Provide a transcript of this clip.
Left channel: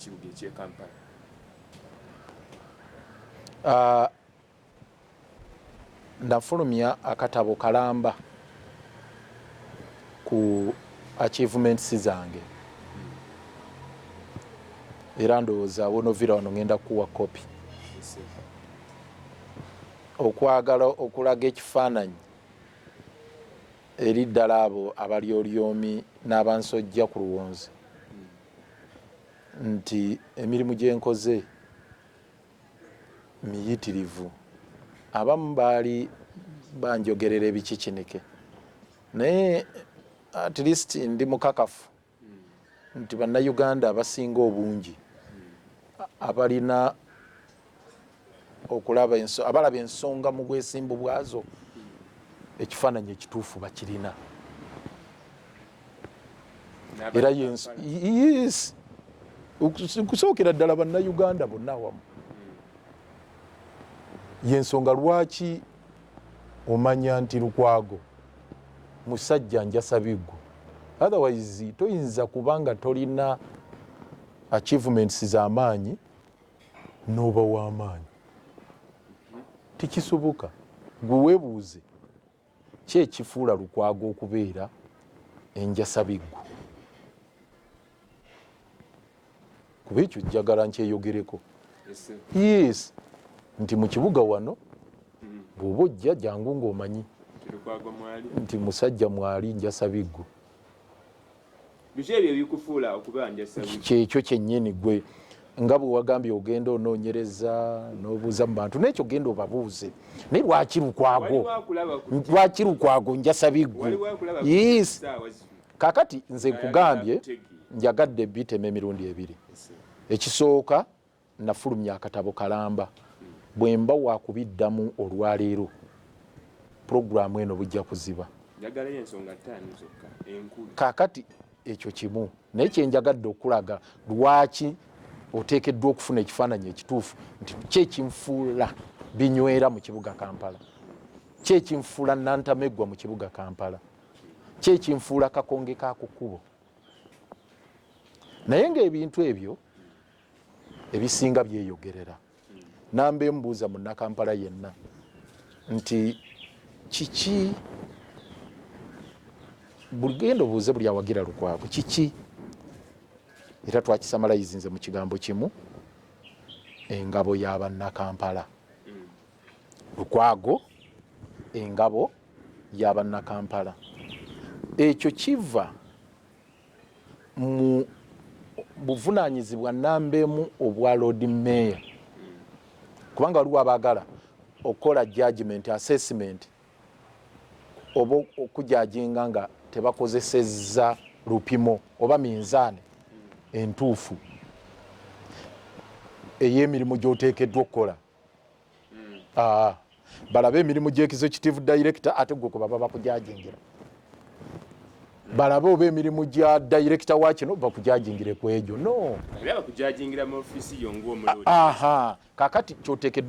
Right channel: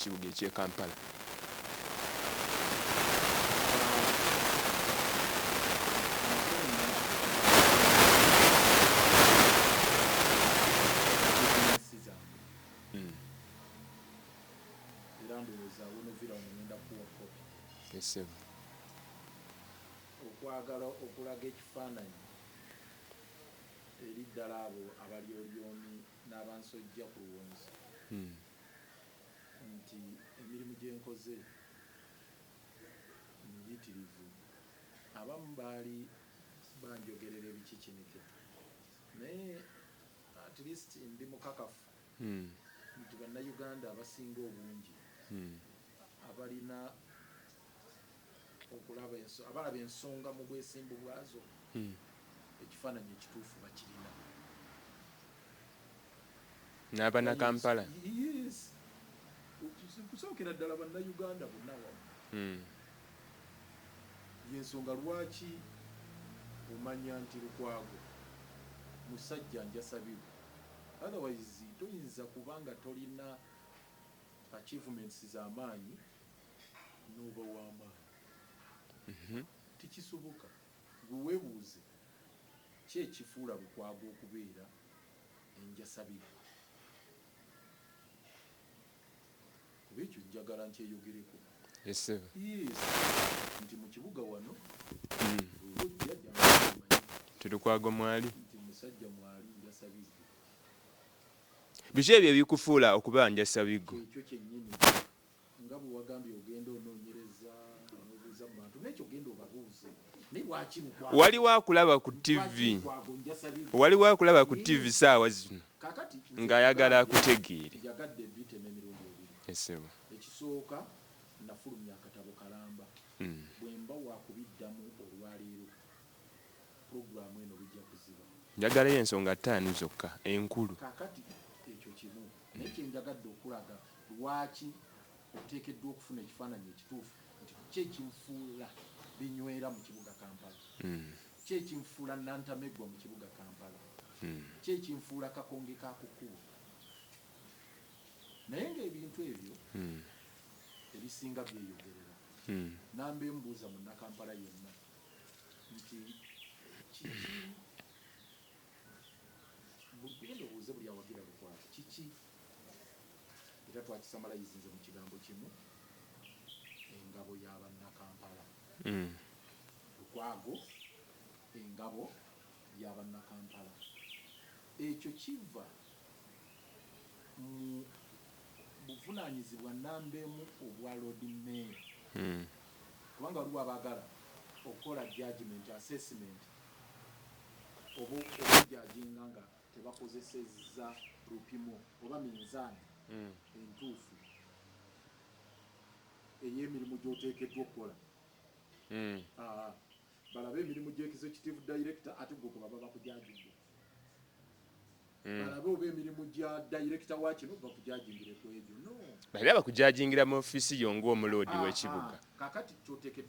kibuga eky'e Kampala? Ndafulumya akatabo kalamba ku achievements zange. Era ndowooza wonovira wano ngenda kuwa kopi. Okwagala okulaga ekifaananyi eri ddala abo abali olyomi n'abansojja ku luwonzi nti emirimu gye nkoze miyitirivu. Abamu baali banjogerera ebikikinike naye at least ndi mukakafu nti bannayuganda abasinga obungi abalina okulaba abalaba ensonga mu bwesimbu bwazo ekifaananyi ekituufu bakirina. Yes, okusookera ddala bannayuganda bonna awamu. Yensonga lwaki omanya nti Lukwago musajja njasa biggu, otherwise toyinza kubanga tolina achievements z'amaanyi n'oba w'amaanyi. Tikisoboka. Gwe weebuuze ki ekifuula Lukwago okubeera enjasa biggu? Kuba ekyo njagala nkyeyogereko. Yes, nti mu kibuga wano bw'oba ojja jangu ng'omanyi nti musajja mwali njasa biggu. Biki ebyo ebikufuula okuba njasa biggu? Kyekyo kyennyini gwe nga bwe wagambye ogenda onoonyereza n'obuuza mu bantu, n'ekyo genda obabuuze. Naye lwaki Lukwago? Nti lwaki Lukwago njasa biggu? Kaakati nze nkugambye njagadde bitema emirundi ebiri. Ekisooka nafulumya akatabo kalamba. Bwe mba wakubiddamu olwaleero puroguramu eno bujja kuziba. Njagalayo ensonga 5 zokka enkulu. Kaakati ekyo kimu, naye kyenjagadde okulaga lwaki oteekeddwa okufuna ekifaananyi ekituufu nti kyekimfuula binywera mu kibuga Kampala, kyekimfuula Nantameggwa mu kibuga Kampala, kyekimfuula Kakonge ka ku kkubo. Naye ng'ebintu ebyo ebisinga byeyogerera. Nambe mbuuza munnakampala yenna nti kiki, buli genda obuuze buli awagira Lukwago kiki? Era twakisamalayizinze mu kigambo kimu, engabo y'abannakampala. Lukwago engabo y'abannakampala. Ekyo kiva mu buvunaanyizibwa nambemu obwa Lord Mayor. Kubanga waliwo abaagala okukola judgment assessment oba okujajinga nga tebakozesezza lupimo oba minzaani entuufu ey'emirimu gy'oteekeddwa okukola. Balabe emirimu gy'executive director ate gwe kuba bakujajingira. Balabe oba emirimu gya director wa kino bakujajingire ku egyo. No. Era bakujajingira mu office yo ng'omulodi. Kaakati ky'oteekeddwa